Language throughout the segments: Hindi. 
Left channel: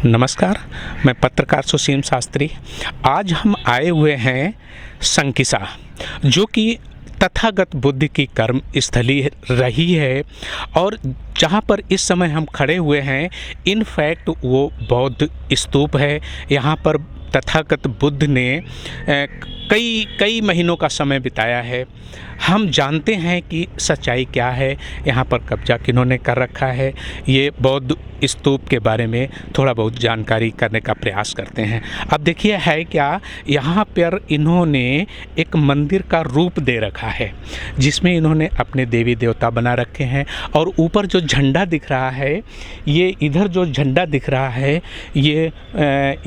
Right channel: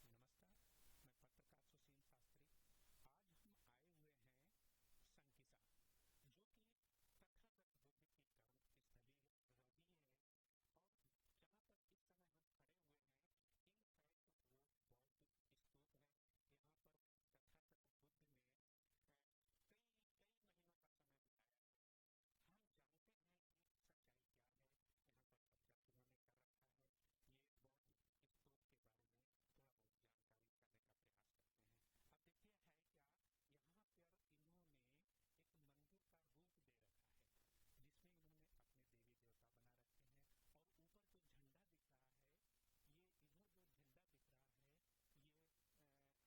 नमस्कार, मैं पत्रकार सुसीम शास्त्री। आज हम आए हुए हैं संकिसा, जो कि तथागत बुद्ध की कर्म स्थली रही है और जहाँ पर इस समय हम खड़े हुए हैं इनफैक्ट वो बौद्ध स्तूप है। यहाँ पर तथागत बुद्ध ने कई महीनों का समय बिताया है। हम जानते हैं कि सच्चाई क्या है, यहाँ पर कब्जा किन्होंने कर रखा है। ये बौद्ध स्तूप के बारे में थोड़ा बहुत जानकारी करने का प्रयास करते हैं। अब देखिए है क्या, यहाँ पर इन्होंने एक मंदिर का रूप दे रखा है जिसमें इन्होंने अपने देवी देवता बना रखे हैं। और ऊपर जो झंडा दिख रहा है, ये इधर जो झंडा दिख रहा है ये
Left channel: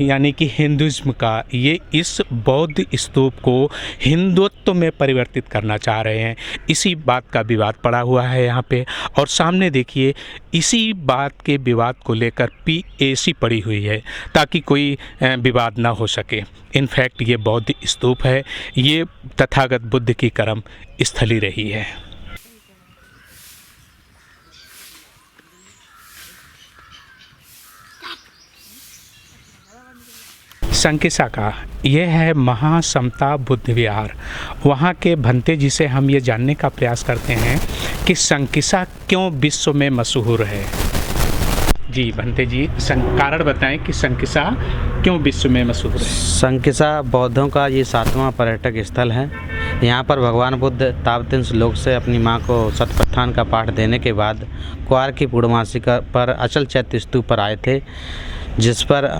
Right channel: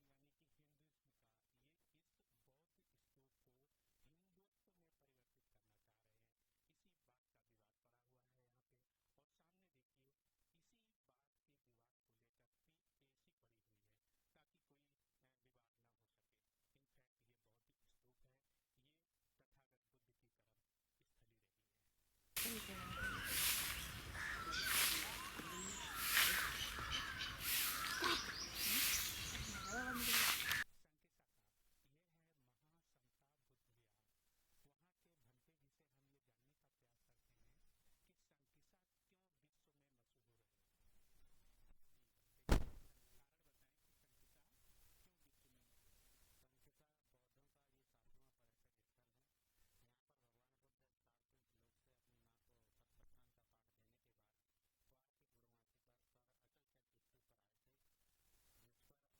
यानी कि हिंदुज़्म का, ये इस बौद्ध स्तूप को हिंदुत्व में परिवर्तित करना चाह रहे हैं। इसी बात का विवाद पड़ा हुआ है यहाँ पे। और सामने देखिए, इसी बात के विवाद को लेकर PAC पड़ी हुई है ताकि कोई विवाद ना हो सके। इनफैक्ट ये बौद्ध स्तूप है, ये तथागत बुद्ध की कर्म स्थली रही है। संकिसा का यह है महासमता बुद्ध विहार। वहाँ के भंते जी से हम ये जानने का प्रयास करते हैं कि संकिसा क्यों विश्व में मशहूर है। जी भंते जी, कारण बताएं कि संकिसा क्यों विश्व में मशहूर है। संकिसा बौद्धों का ये 7वां पर्यटक स्थल है। यहाँ पर भगवान बुद्ध ताबतीन श्लोक से अपनी माँ को सतपत्थान का पाठ देने के बाद क्वार की पूर्णमासी पर अचल चैत्य स्तूप पर आए थे, जिस पर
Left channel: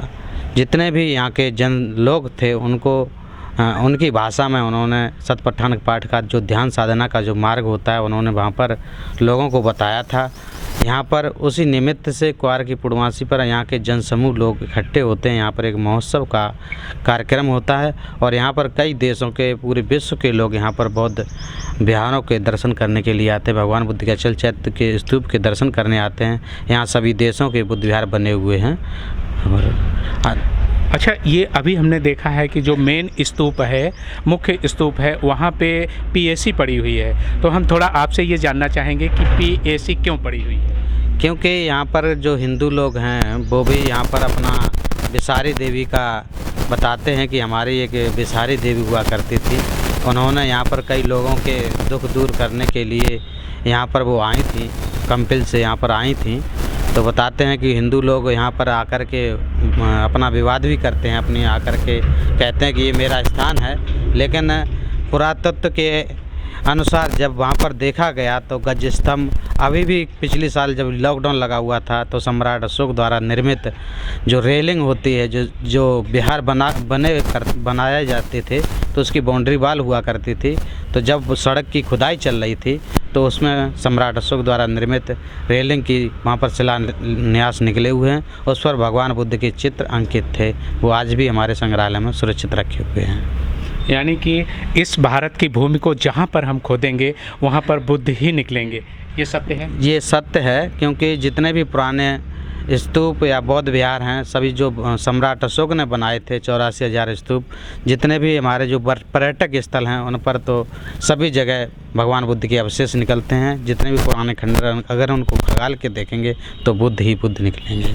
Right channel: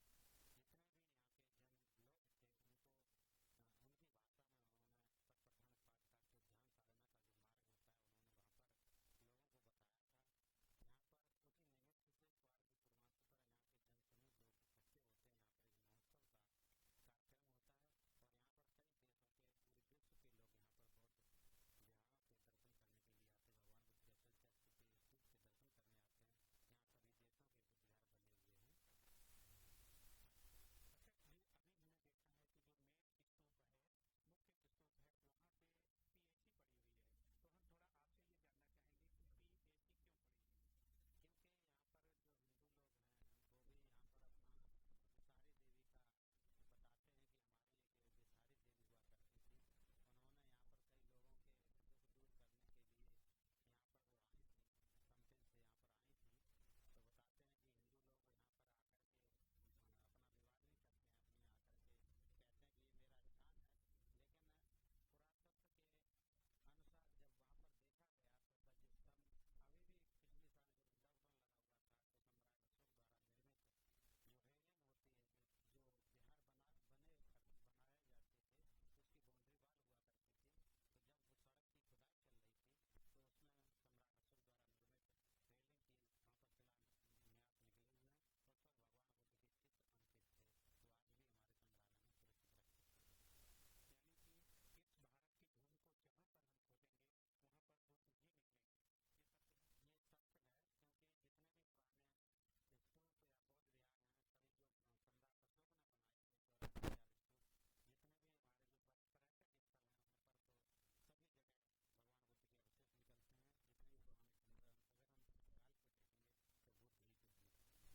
जितने भी यहाँ के जन लोग थे उनको उनकी भाषा में उन्होंने सतपत्थान पाठ का जो ध्यान साधना का जो मार्ग होता है उन्होंने वहाँ पर लोगों को बताया था। यहाँ पर उसी निमित्त से क्वार की पूर्णमासी पर यहाँ के जन समूह लोग इकट्ठे होते हैं। यहाँ पर एक महोत्सव का कार्यक्रम होता है और यहाँ पर कई देशों के, पूरे विश्व के लोग यहाँ पर बौद्ध विहारों के दर्शन करने के लिए आते हैं। भगवान बुद्ध के अचल चैत्य के स्तूप के दर्शन करने आते हैं। यहाँ सभी देशों के बुद्ध विहार बने हुए हैं। और अच्छा, ये अभी हमने देखा है कि जो मेन स्तूप है, मुख्य स्तूप है, वहाँ पे PAC पड़ी हुई है। तो हम थोड़ा आपसे ये जानना चाहेंगे कि PAC क्यों पड़ी हुई है। क्योंकि यहाँ पर जो हिंदू लोग हैं वो भी यहाँ पर अपना बिसारी देवी का बताते हैं कि हमारी एक बिसारी देवी हुआ करती थी। उन्होंने यहाँ पर कई लोगों के दुख दूर करने के लिए यहाँ पर वो आई थी, कंपिल से यहाँ पर आई थी। तो बताते हैं कि हिंदू लोग यहाँ पर आकर के अपना विवाद भी करते हैं, अपनी आकर के कहते हैं कि ये मेरा स्थान है। लेकिन पुरातत्व के अनुसार जब वहाँ पर देखा गया तो गज स्तंभ अभी भी पिछले साल जब लॉकडाउन लगा हुआ था तो सम्राट अशोक द्वारा निर्मित जो रेलिंग होती है, जो विहार बनाए जाते थे, तो उसकी बाउंड्री वाल हुआ करती थी। तो जब सड़क की खुदाई चल रही थी तो उसमें सम्राट अशोक द्वारा निर्मित रेलिंग की वहाँ पर शिलान्यास निकले हुए हैं। उस पर भगवान बुद्ध के चित्र अंकित थे। वो आज भी हमारे संग्रहालय में सुरक्षित रखे हुए हैं। यानी कि इस भारत की भूमि को जहाँ पर हम खोदेंगे वहाँ पर बुद्ध ही निकलेंगे, ये सत्य है। ये सत्य है, क्योंकि जितने भी पुराने स्तूप या बौद्ध विहार हैं सभी जो सम्राट अशोक ने बनाए थे, 84,000 स्तूप, जितने भी हमारे जो पर्यटक स्थल हैं उन पर तो सभी जगह भगवान बुद्ध के अवशेष निकलते हैं। जितने भी पुराने खंडर अगर उनको खंगाल के देखेंगे तो बुद्ध ही बुद्ध निकलेंगे।